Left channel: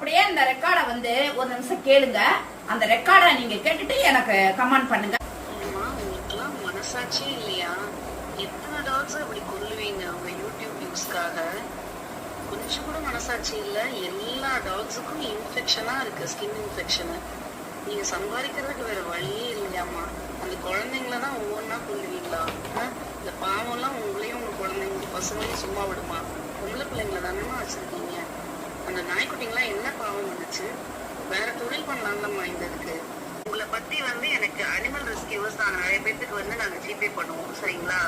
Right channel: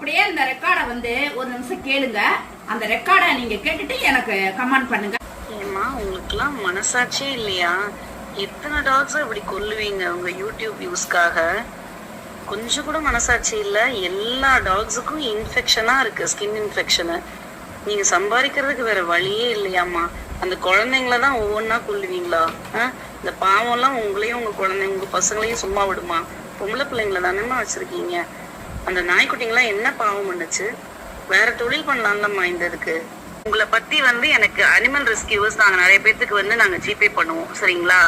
அப்படியே இந்த ரெக்கார்டை வந்து ஒரு நிமிஷம் கேளுங்க. அந்த ரெக்கார்டை நீங்க கேட்டுட்டு எனக்கு கமெண்ட் பண்ணுங்க. உங்களுக்குலாம் மனசாட்சியே இல்லையா? எத்தனை டாக்ஸ் இப்படி கொல்லுவீங்க உங்க யூடியூப் வியூஸ்க்காக? கொஞ்சம் கூட மனசாட்சி இல்ல. எல்லா டாக்ஸுக்கும் இன்ஃபெக்ஷனா இருக்கு, ஸ்கின் இன்ஃபெக்ஷனு. நீங்க சம்பாதிக்கிறதுக்கு வேற வழியே இல்லையாமா? அந்த குழந்தைங்களதான் ஒவ்வொன்னா கொல்லுவீங்களா? இந்த பாவம் எல்லாம் உங்களையும் உங்க குழந்தைங்க உங்க பசங்களையும் சும்மா விடுமா? பொம்பளை பிள்ளைங்களை தானேமா வச்சிருக்கீங்க. அந்த நாய்க்குட்டிங்கெல்லாம் என்ன பாவம் பண்ணுச்சு? வேற தொழில் பண்ணலாம்லம்மா இந்த இதுக்கு. உங்களை பத்தி வந்து எனக்கு அனிமல் ரெஸ்கியூவர்ஸ் நாங்க நிறைய பேத்துக்கு வந்து நாங்க ஜிபே பண்ணுவோம், சரிங்களா?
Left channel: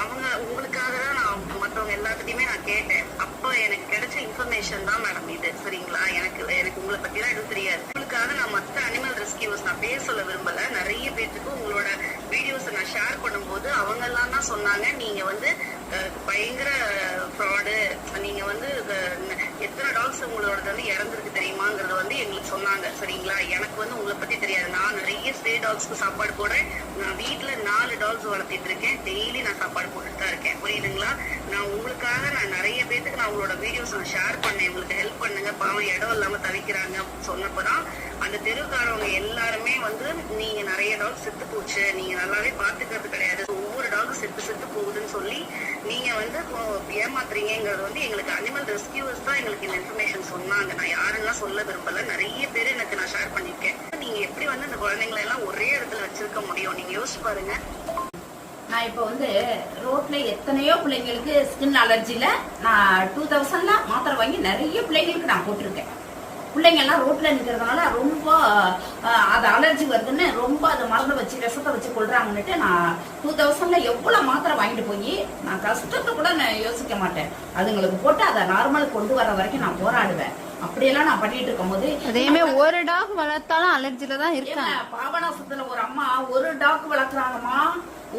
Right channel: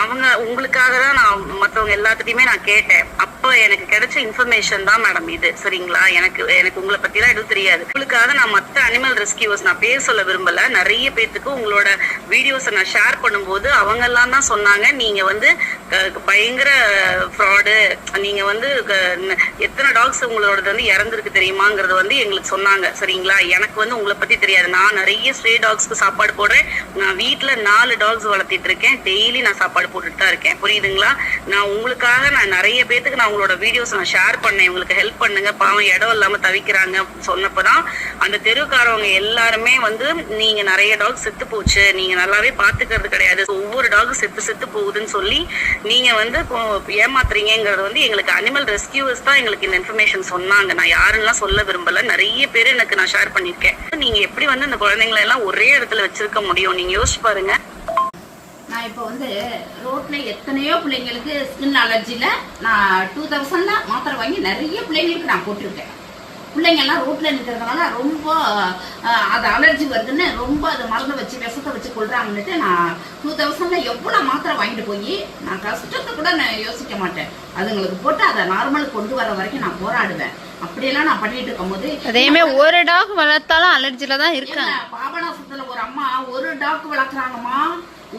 அவங்க உங்களுக்காக தான் நான் மற்றவங்க எல்லாத்துட்டையுமே நான் கேட்டேன். அப்போ எனக்கு கிடைச்ச இன்ஃபர்மேஷன் தான் மேடம் இது, சரிங்களா? எனக்கு உங்களை பத்திலாம் எதுவும் தெரியாது. உங்களுக்காக நான் மற்ற அனிமல் ரெஸ்கியூவர்ஸ் நான் பேர் சொல்ல விரும்பல. நிறைய பேத்துக்கு உங்களோட வீடியோஸை நான் ஷேர் பண்ணும்போது அவங்க எல்லாம் தான் சொன்னாங்க, நீங்க வந்து பயங்கர ஃப்ராடு, நீங்க வந்து எத்தனை டாக்ஸ் உங்களோட வந்து இறந்துருக்கு தெரியுமாங்கிறது வந்து எங்களுக்கு சொன்னாங்க, சரிங்களா? எனக்கு வந்து உங்களை பத்தி தெரியாது. நான் நிறைய ஸ்ட்ரே டாக்ஸ்க்கு சாப்பாடு போடுறேன். நான் வீட்டுல 4 டாக்ஸ் வளர்த்திட்டு இருக்கேன். டெய்லி நான் சாப்பாடு போட்டுட்டு தான் இருக்கேன், புரியுதுங்களா? நான் உங்களுக்காக நான் நிறைய பேத்துக்கு நான் உங்களோட வீடியோஸ் நான் ஷேர் பண்ணேன். உங்களுக்கு ஹெல்ப் பண்ணுங்க, பாவம் இடம் இல்லாம தவிக்கிறாங்க சொன்னப்பதான் அந்த தெருவுக்காரவங்க எல்லாருமே வந்து நீங்க நிறைய டாக் செத்து போச்சு, நீங்க நல்லாவே பாத்துக்கிறது கிடையாது, ஒவ்வொரு டாக் செத்து போகுதுன்னு சொல்லி நீங்க வந்து ஏமாத்துறீங்கிறது வந்து எங்களுக்கு அனிமல் ரெஸ்கியூவர்ஸ் தான் எங்களுக்கு இந்த இன்ஃபர்மேஷன் சொன்னாங்க. நான் யாருன்னெல்லாம் சொல்ல விரும்பல. நிறைய பேர் எனக்கு நான் ஷேர் பண்ணிருக்கேன். நீங்க எப்படி வந்து இந்த குழந்தைங்களை எல்லாம் ஒரே இடத்துல வச்சிருக்க முடியும்? நீங்க யோசிச்சு பாருங்க. நான் இப்போ வந்து ரோட்ல எத்தனையோ பிள்ளைங்களுக்கு ஸ்கின் அலர்ஜில நான் 2000ல மாத்திரை வாங்கி நிறைய பிள்ளைங்களுக்கு நான் போட்டிருக்கேன். பிள்ளைங்க எல்லாம் ரோட்ல நிக்கிறதுனால ரொம்ப அது அலர்ஜி வருதுன்னு ரொம்ப அது மருந்து வச்சு விஷத்தை வச்சு கொள்றாங்கன்னுட்டு நான் 2000ல எவ்வளவு மாத்திரை வாங்கிட்டு போய் நான் கஷ்டத்தை கூட நான் யோசிக்க மாட்டேன். அதுங்களுக்கு போட்டு அதை நார்மல் கொண்டு வர வரைக்கும் நான் போராடுவேன். அப்படியெல்லாம் நான் பண்ணிட்டு இருக்கும் போது அதேமே ஒரு டாக் வளர்த்தாலும் அலர்ஜில தான் இருக்காங்க. பாபநாசத்துல ஒரு அம்மா ஒரு டாக் வளர்க்குறாங்கம்மா.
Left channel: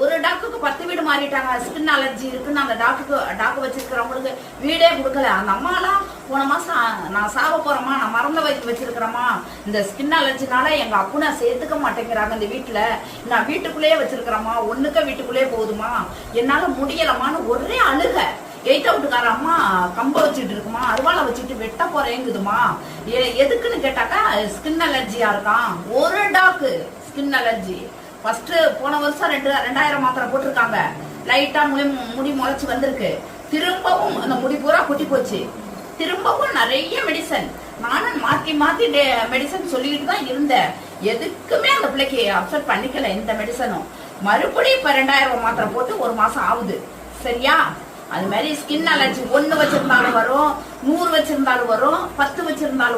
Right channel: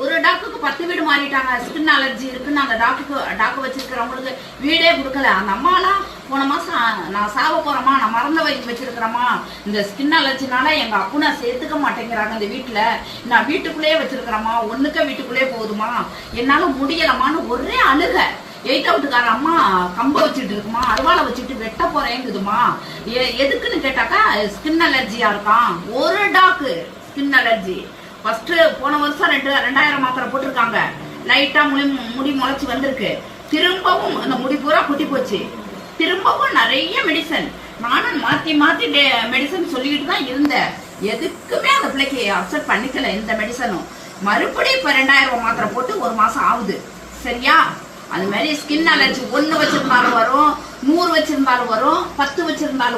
ஒரு டாக்குக்கு 10 வீடு மாறிட்டாங்க. ஸ்கின் அலர்ஜி இருக்குன்னு அந்த டாக்கு வச்சிருக்கிறவங்களுக்கு வீடே கொடுக்கல. அந்த அம்மாலாம் போன மாசம் நான் சாவ போறேம்மா, நான் மறந்த வச்சிருக்கிறேம்மா, இந்த ஸ்கின் அலர்ஜினால எங்க அப்புனா சேர்த்துக்க மாட்டேங்கிறாங்க இந்த வீட்டுல, நான் வீட்டுக்குள்ளேயே வச்சிருக்கிறேம்மா, ஒண்ணுக்க வீட்டுக்குள்ளேயே போகுதுமா, என்னால முடியலமான்னு ஒரே அழுக. 8th வீட்டுக்கார அம்மா கம்ப வச்சுட்டு இருக்குமா, அருவாளை வச்சுட்டு வெட்ட போறேங்குதுமா. எதுக்குன்னு கேட்டாக்கா ஸ்கின் அலர்ஜியா இருக்கான். ஒரு டாக்கு ஸ்கின் அலர்ஜி. ஃபர்ஸ்ட் போன வருஷம் 2000 மாத்திரை போட்டிருக்காங்க. லைட்டா முடி முளைச்சு வந்திருக்கு. திரும்பவும் அந்த முடி பூரா குட்டி போச்சு. திரும்பவும் நிறைய மெடிசன். நானும் மாத்தி மெடிசன் சொல்லிக்கிட்டு தான் இருந்தேன். எதுக்குமே அந்த பிள்ளைக்கு அப்செட் பண்ணிக்கல எந்த மெடிசனும். மறுபடியும் இப்ப 2000 மாத்திரை போட்டு 1 மாசம் ஆகுது, சரியா? அது மாதிரி ஸ்கின் அலர்ஜி 1 வச்சிருந்தாலும் வரும், 100 வச்சிருந்தாலும் வரும், 10 வச்சிருந்தாலும்